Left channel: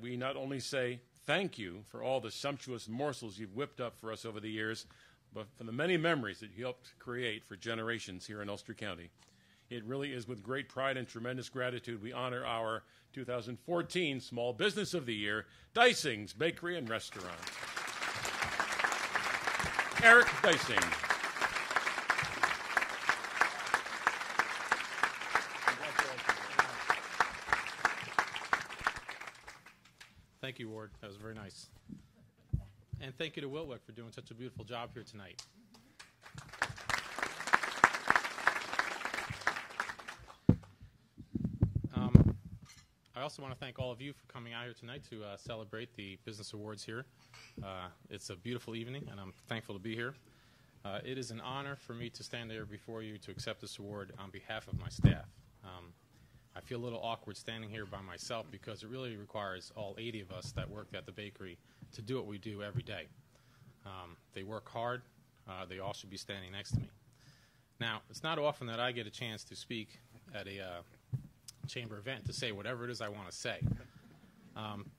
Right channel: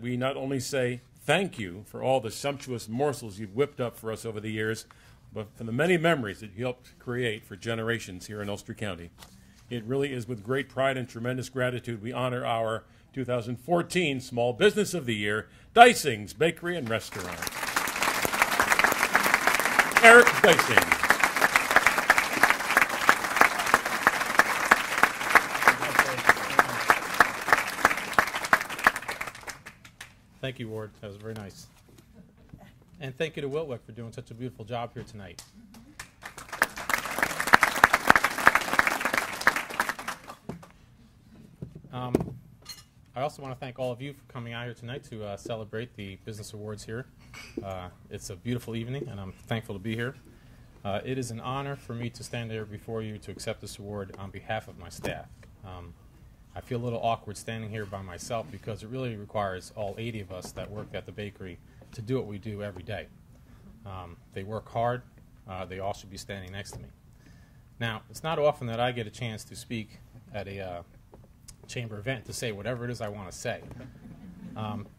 We not only say thank you for all the sumptuous morsels you've whipped up for us over the years, but for the many memories that you helped create for generations here in Ulster County. It really is with great pride and tremendous gratitude we honor our 2014 Small Business of the Year, Dysing's Bakery and Restaurant. Eric Dysing. Thank you, Ward. That was very nice. And thank you to Wiltwick for doing such a beautiful job here tonight. I also want to thank all of you for coming out here tonight to celebrate the Business Awards here. It's a beautiful evening, and I'm thankful to be here. It is an honor for me to stand there before you to accept this award on behalf of my staff. I feel a little awkward standing here by myself because it really requires all 80 of us that work at the bakery to do what we do every day. They work hard. They all should be standing next to me. Now, it's not often that I get a chance to speak at a chamber event to say whatever it is I want to say.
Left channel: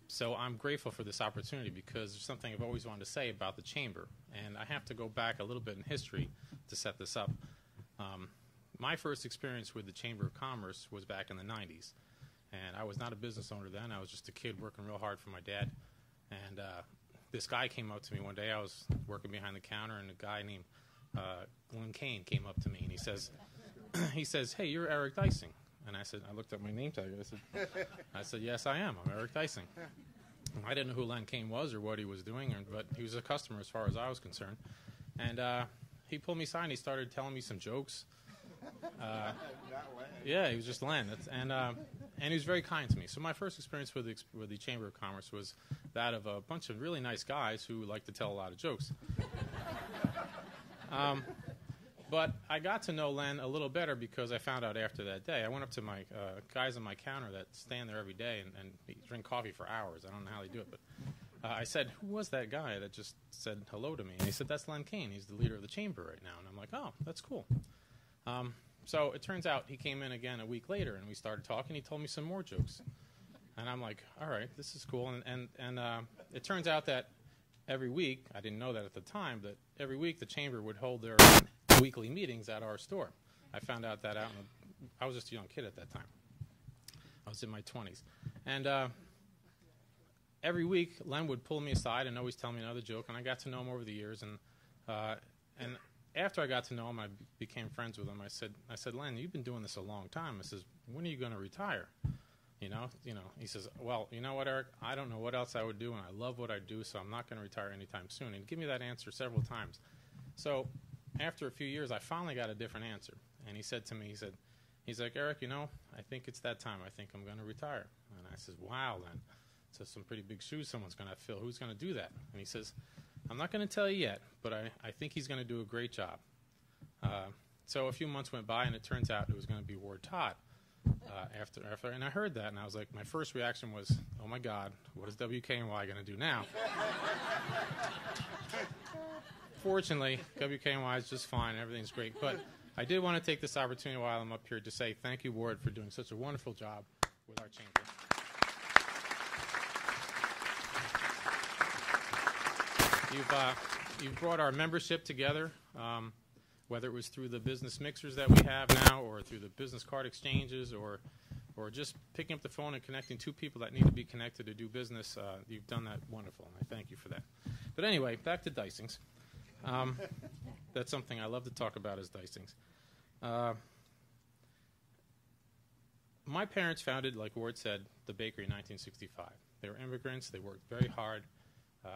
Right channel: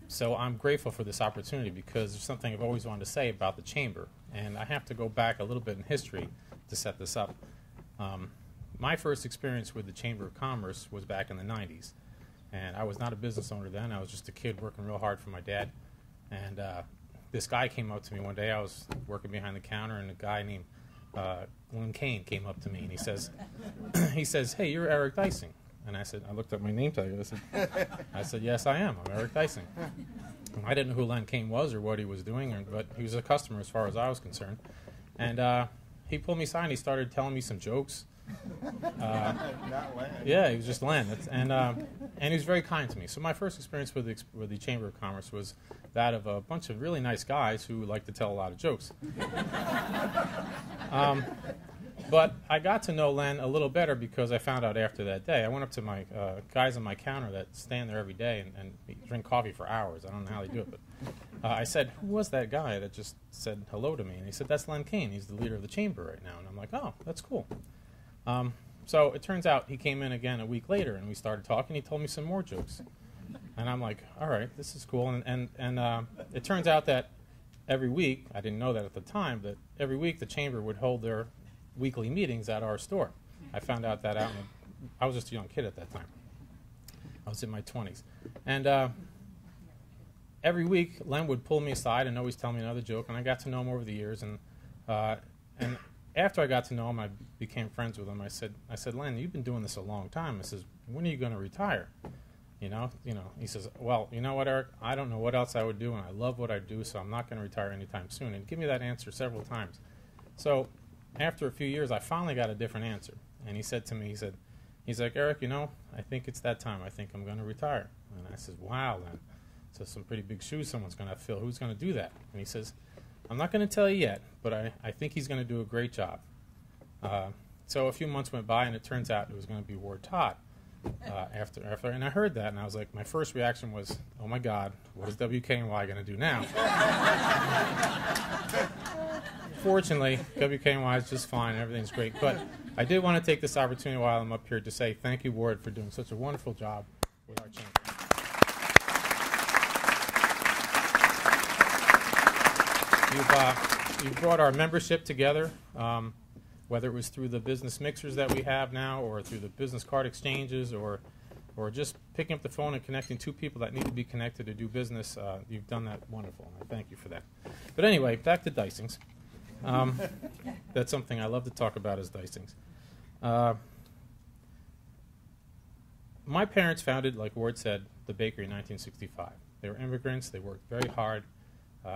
So I'm grateful for this opportunity because there's something I've always wanted to say about the chamber, and I have to go back a little bit in history to set this up. My first experience with the Chamber of Commerce was back in the 90s, and I was not a business owner then. I was just a kid working real hard for my dad, and this guy came up to me one day. I was working behind the counter, and a guy named Len Kane came up to me, and he says, "Hey, you're Eric Dysing." And I looked at my name tag. I said, "Yes, I am. I'm Eric Dysing." I didn't know who Len Kane was or what he was doing, but he was a customer as far as I was concerned. And he pulled me aside and he started telling me some jokes. Yeah, he was just Len. And he was very kind to me. So my first experience with the Chamber of Commerce was that of a bunch of really nice guys who like to tell a lot of jokes. But I got to know Len a little better because I found out after that day. I went up to my guys on my counter that stand there every day and drink coffee for hours. I don't know how they do it, but I said, "Who was that guy that just said hello to me?" And he said, "That's Len Kane. He's the leader of the chamber right now." And I'm like, "Oh, that's cool." So it turns out he came in again a week later, and we started talking. He told me some more jokes. And I'm like, all right, this is cool. And it turns out that every week, I didn't know that at the time, that every week the chamber would hold their weekly meetings at our store. I found out that out. I was just a young kid at that time. I was in my 20s. And every week, Len would pull me aside and always tell me another joke, and I got to know him over the years. And after I got to know him, I became friends with him. I said, "Len, you've been doing this a long time." I says, "When are you going to retire?" You know. He says, "Well, you know what, Eric? I don't know what else I would do, and I love what I do, so I'm not going to retire anytime soon." And he gave me that answer several times. So after a few years, I finally got a different answer. And he said to me, he's like, "Eric, I think it's that time. I think I'm going to retire." And I says, "Wow, Len. So some pretty big shoes someone's going to fill. Who's going to do that?" And he says, "I'm not going to tell you yet, but I think he's going to do a great job." So a few months went by, and it turns out it was going to be Ward Todd after. And I heard that, and I was like, my first reaction was, "Oh, my God, what is WKNY going to do now?" Fortunately, WKNY is just fine. Everything's great. But I did want to take this opportunity while I'm up here to say thank you, Ward, for doing such a wonderful job with our chamber. You've brought our membership together, whether it was through the business mixers that we have now or through the business card exchanges or just picking up the phone and connecting two people that need to be connected to do business. You've done that wonderful, and I thank you for that. But anyway, back to Dysing's. That's something I love to talk about is Dysing's. My parents founded, like Ward said, the bakery in 1965. They were immigrants. They worked very hard.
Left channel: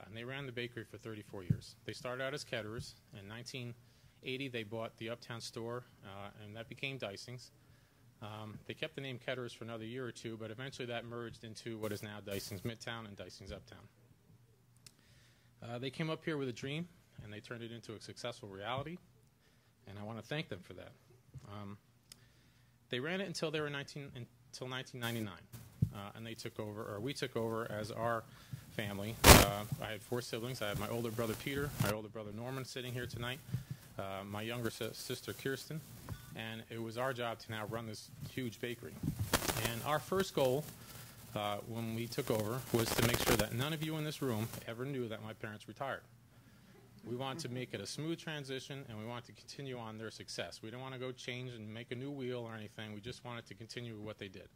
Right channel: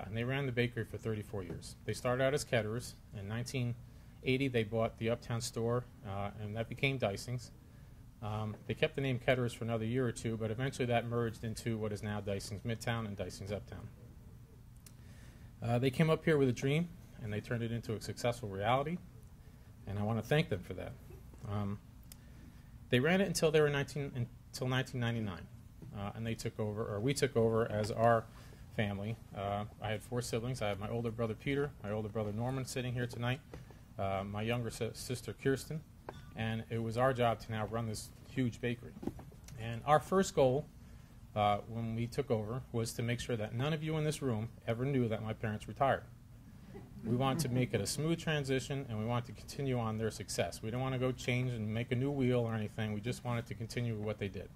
And they ran the bakery for 34 years. They started out as caterers. In 1980, they bought the Uptown store, and that became Dysing's. They kept the name Caterers for another year or two, but eventually that merged into what is now Dysing's Midtown and Dysing's Uptown. They came up here with a dream, and they turned it into a successful reality, and I want to thank them for that. They ran it until 1999, and they took over, or we took over as our family. I had 4 siblings. I have my older brother Peter, my older brother Norman sitting here tonight, my younger sister Kirsten, and it was our job to now run this huge bakery. And our first goal when we took over was to make sure that none of you in this room ever knew that my parents retired. We want to make it a smooth transition, and we want to continue on their success. We don't want to go change and make a new wheel or anything. We just wanted to continue with what they did.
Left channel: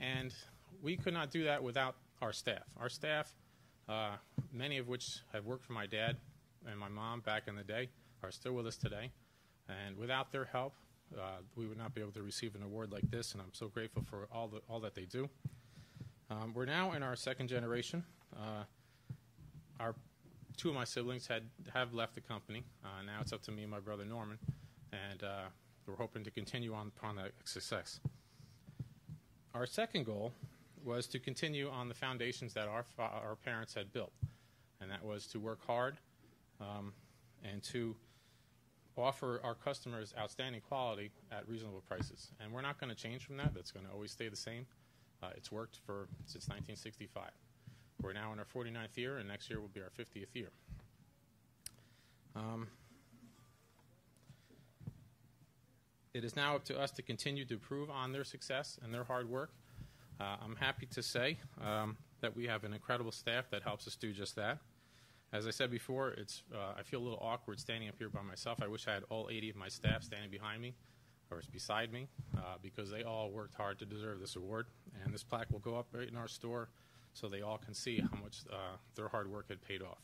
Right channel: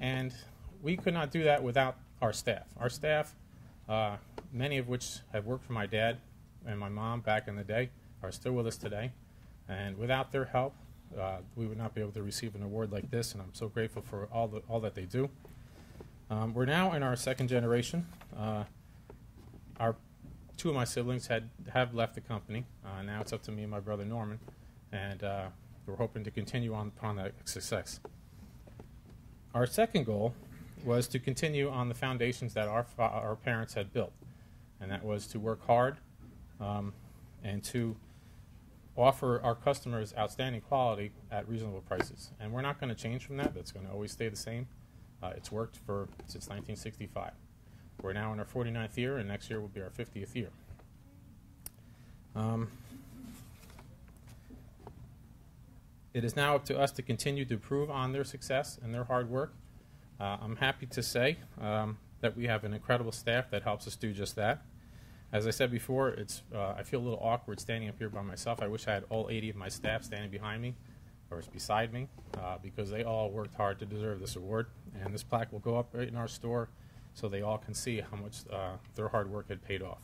And we could not do that without our staff. Our staff, many of which have worked for my dad and my mom back in the day, are still with us today. And without their help, we would not be able to receive an award like this, and I'm so grateful for all that they do. We're now in our second generation. Two of my siblings have left the company. Now it's up to me and my brother Norman, and we're hoping to continue on upon that success. Our second goal was to continue on the foundations that our parents had built, and that was to work hard and to offer our customers outstanding quality at reasonable prices. And we're not going to change from that. That's going to always stay the same. It's worked since 1965. We're now in our 49th year, and next year will be our 50th year. It is now up to us to continue to improve on their success and their hard work. I'm happy to say that we have an incredible staff that helps us do just that. As I said before, I feel a little awkward standing up here by myself. I wish I had all 80 of my staff standing behind me or beside me because they all worked hard to deserve this award. And this plaque will go up right in our store so they all can see how much their hard work had paid off.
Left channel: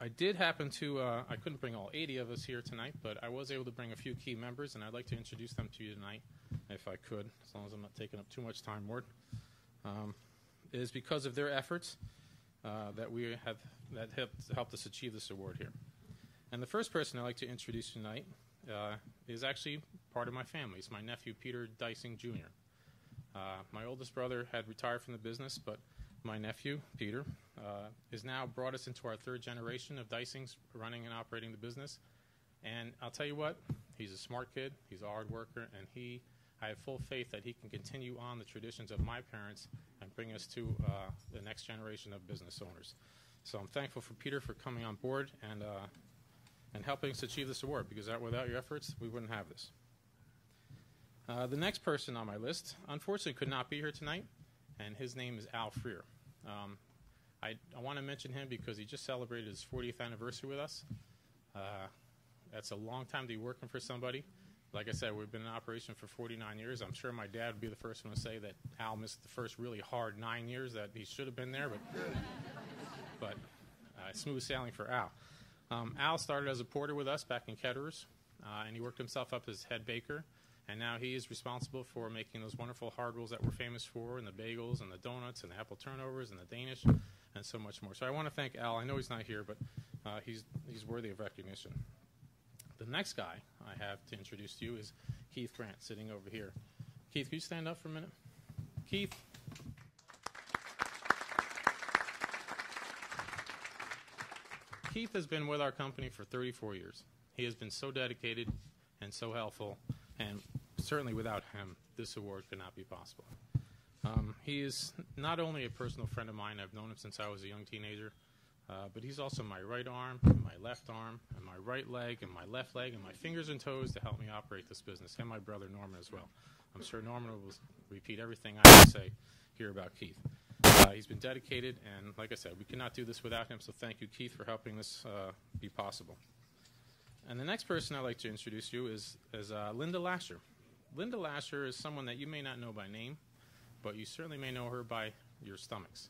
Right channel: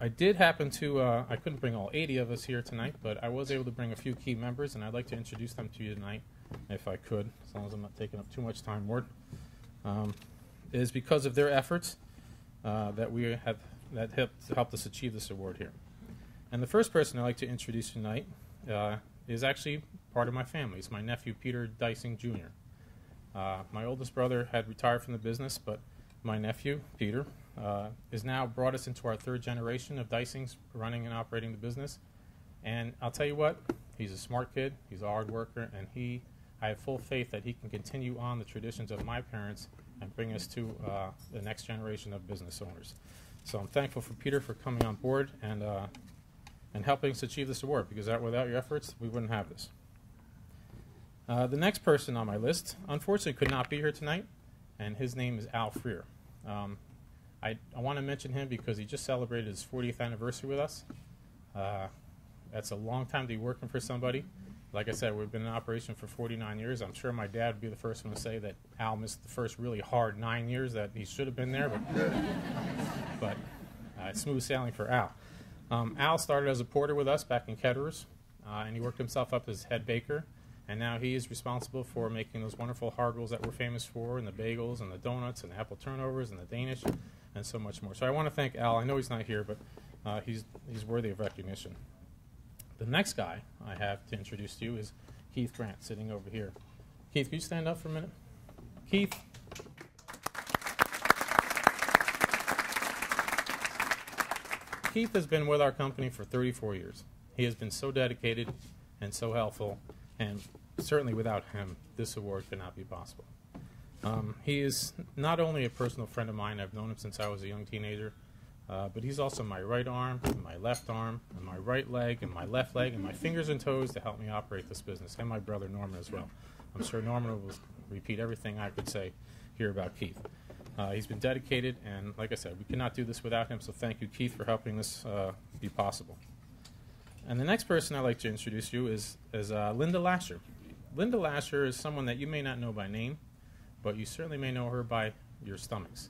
I did happen to, I couldn't bring all 80 of us here tonight, but I was able to bring a few key members, and I'd like to introduce them to you tonight, if I could, as long as I'm not taking up too much time, Ward. It is because of their efforts that helped us achieve this award here. And the first person I'd like to introduce tonight is actually part of my family. It's my nephew, Peter Dysing Jr. My oldest brother had retired from the business, but my nephew, Peter, has now brought us into our third generation of Dysings running and operating the business. And I'll tell you what, he's a smart kid, he's a hard worker, and I have full faith that he can continue on the traditions of my parents and bring us to the next generation of business owners. So I'm thankful for Peter for coming on board and helping us achieve this award, because without your efforts, we wouldn't have this. The next person on my list, unfortunately, could not be here tonight, and his name is Al Freer. I want to mention him because he just celebrated his 40th anniversary with us. That's a long time to be working for somebody. Like I said, we've been in operation for 49 years. I'm sure my dad would be the first one to say that Al missed the first really hard 9 years that he should have been there, but smooth sailing for Al. Al started as a porter with us back in Ketterers, and he worked himself up as head baker, and now he is responsible for making those wonderful hard rolls that we're famous for, and the bagels, and the donuts, and the apple turnovers, and the Danish, and so much more. So I want to thank Al. I know he's not here, but he's worthy of recognition. The next guy I have to introduce to you is Keith Grant, sitting over here. Keith, can you stand up for a minute? Keith. Keith has been with our company for 34 years. He has been so dedicated and so helpful, and certainly without him, this award could not be possible. He is not only a personal friend of mine. I've known him since I was a young teenager, but he's also my right arm, and my left arm, and my right leg, and my left leg, and my fingers and toes to help me operate this business, and my brother Norman as well. I'm sure Norman will repeat everything I have to say here about Keith. He's been dedicated, and like I said, we cannot do this without him, so thank you, Keith, for helping this be possible. And the next person I'd like to introduce you is Linda Lasher. Linda Lasher is someone that you may not know by name, but you certainly may know her by your stomachs.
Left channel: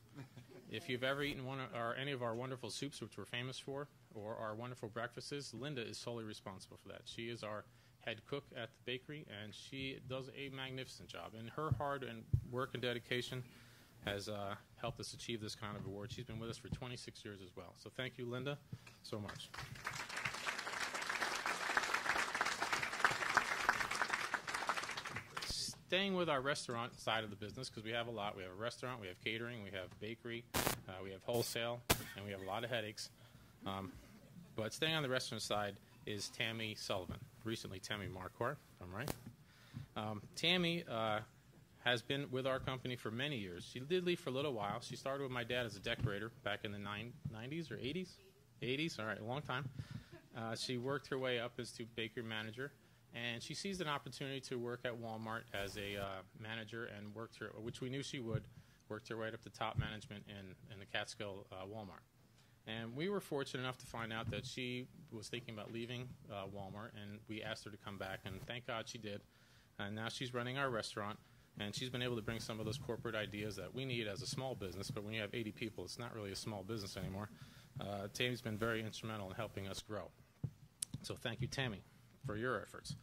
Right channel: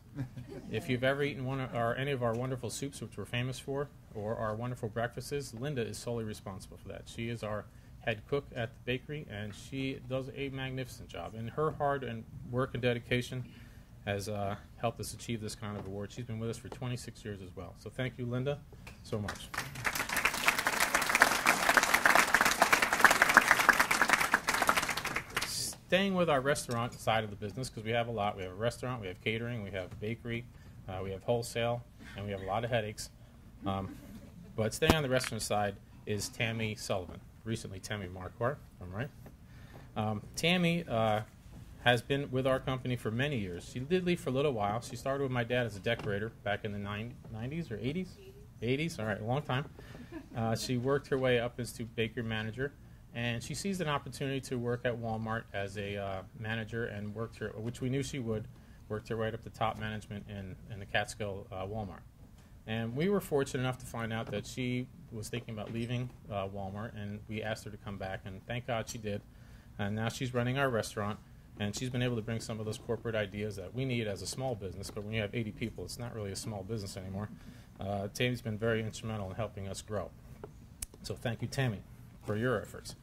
If you've ever eaten any of our wonderful soups, which we're famous for, or our wonderful breakfasts, Linda is solely responsible for that. She is our head cook at the bakery, and she does a magnificent job. And her hard work and dedication has helped us achieve this kind of award. She's been with us for 26 years as well. So thank you, Linda, so much. Staying with our restaurant side of the business, because we have a lot. We have a restaurant, we have catering, we have bakery, we have wholesale, and we have a lot of headaches. But staying on the restaurant side is Tammy Sullivan, recently Tammy Marquardt, if I'm right. Tammy has been with our company for many years. She did leave for a little while. She started with my dad as a decorator back in the 90s or 80s? 80s, all right, a long time. She worked her way up as to bakery manager, And she seized an opportunity to work at Walmart as a manager and worked her, which we knew she would, worked her right up to top management in the Catskill Walmart. And we were fortunate enough to find out that she was thinking about leaving Walmart, and we asked her to come back, and thank God she did. And now she's running our restaurant, and she's been able to bring some of those corporate ideas that we need as a small business, but when you have 80 people, it's not really a small business anymore. Tammy's been very instrumental in helping us grow. So thank you, Tammy, for your efforts.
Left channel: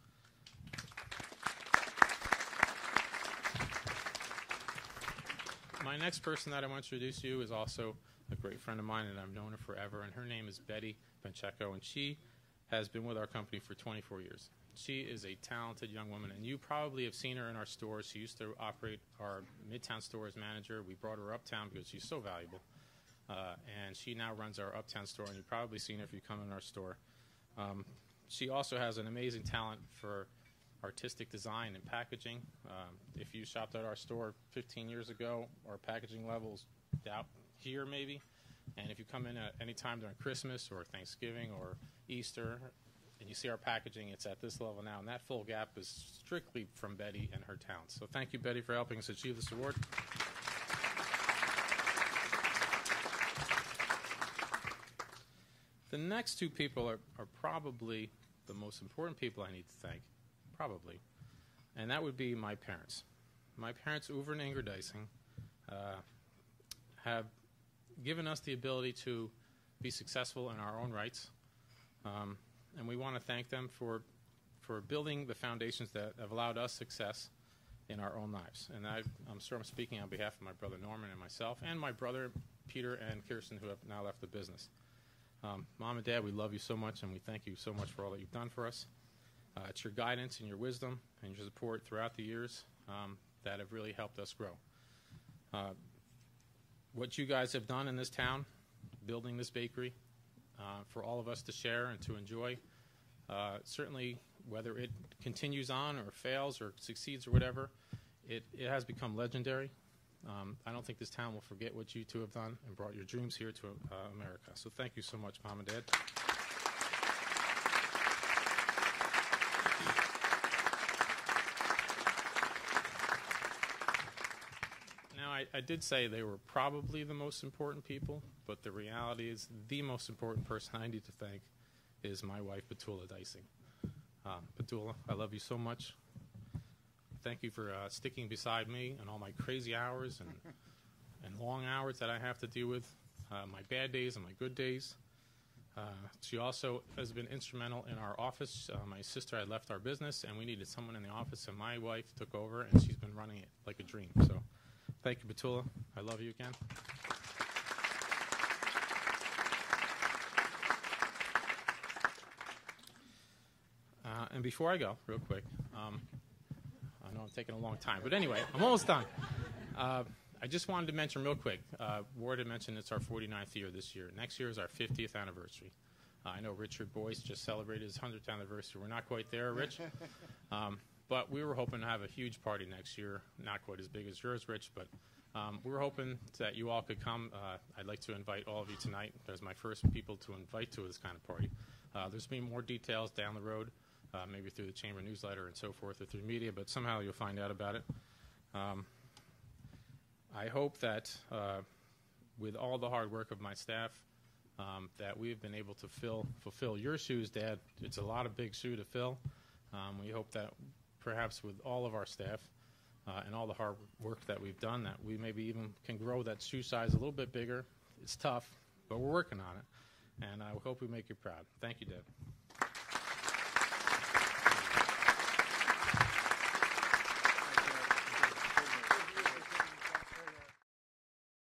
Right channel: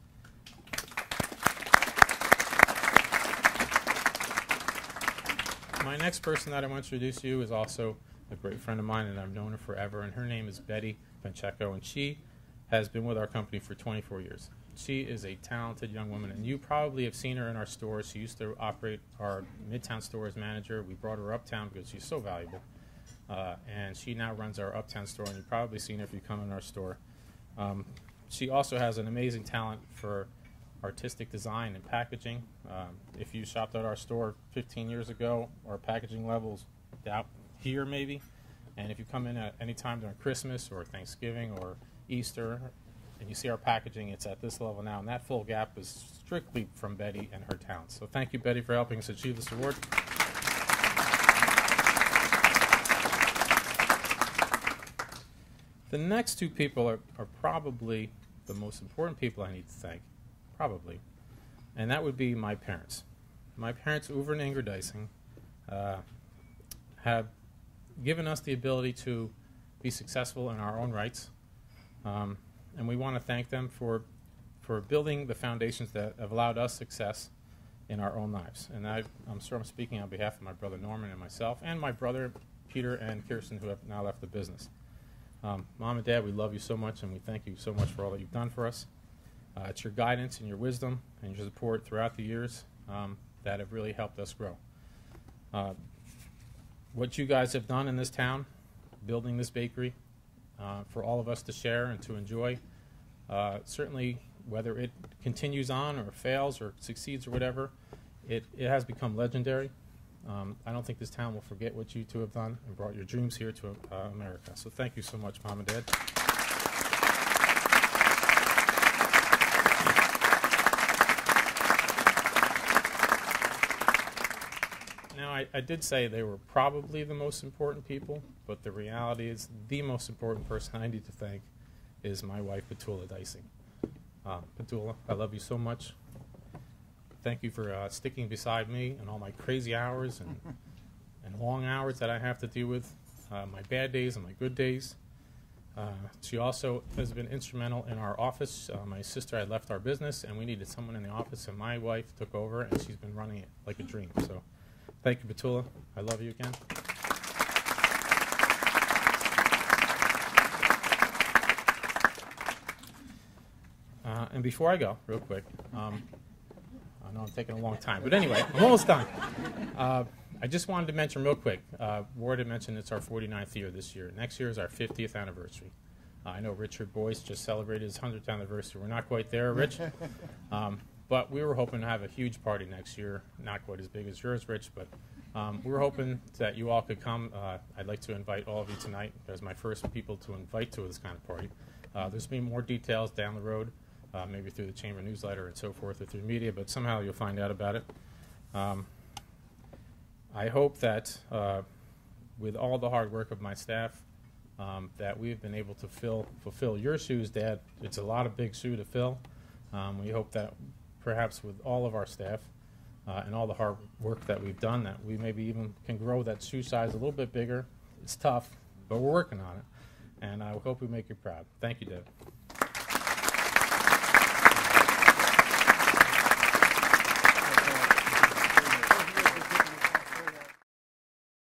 My next person that I want to introduce to you is also a great friend of mine, and I've known her forever, and her name is Betty Pacheco, and she has been with our company for 24 years. She is a talented young woman, and you probably have seen her in our stores. She used to operate our Midtown store as manager. We brought her uptown because she's so valuable, and she now runs our uptown store, and you've probably seen her if you come in our store. She also has an amazing talent for artistic design and packaging. If you shopped at our store 15 years ago, our packaging level's out here maybe, and if you come in at any time during Christmas or Thanksgiving or Easter and you see our packaging, it's at this level now, and that full gap is strictly from Betty and her talents. So thank you, Betty, for helping us achieve this award. The next two people are probably the most important people I need to thank, probably, and that would be my parents. My parents, Uwe and Inger Deising, have given us the ability to be successful in our own rights, and we want to thank them for building the foundations that have allowed us success in our own lives. And I'm sure I'm speaking on behalf of my brother Norman and myself, and my brother Peter and Kirsten, who have now left the business. Mom and Dad, we love you so much, and we thank you so much for all that you've done for us. It's your guidance and your wisdom and your support throughout the years that have really helped us grow. What you guys have done in this town, building this bakery, for all of us to share and to enjoy, certainly whether it continues on or fails or succeeds or whatever, it has become legendary. I don't think this town will forget what you two have done and brought your dreams here to America. So thank you so much, Mom and Dad. Now, I did say they were probably the most important people, but the reality is the most important person I need to thank is my wife, Petula Deising. Petula, I love you so much. Thank you for sticking beside me and all my crazy hours and long hours that I have to deal with, my bad days and my good days. She also has been instrumental in our office. My sister had left our business, and we needed someone in the office, and my wife took over, and she's been running it like a dream. So thank you, Petula. I love you again. And before I go, real quick, I know I'm taking a long time, but anyway, I'm almost done. I just wanted to mention real quick, Ward had mentioned it's our 49th year this year. Next year is our 50th anniversary. I know Richard Boyce just celebrated his 100th anniversary. We're not quite there, Rich, but we were hoping to have a huge party next year, not quite as big as yours, Rich, but we were hoping that you all could come. I'd like to invite all of you tonight as my first people to invite to this kind of party. There's been more details down the road. Maybe through the Chamber newsletter and so forth, or through media, but somehow you'll find out about it. I hope that with all the hard work of my staff, that we've been able to fulfill your shoes, Dad. It's a lot of big shoe to fill. We hope that perhaps with all of our staff and all the hard work that we've done, that we maybe even can grow that shoe size a little bit bigger. It's tough, but we're working on it, and I hope we make you proud. Thank you, Dad.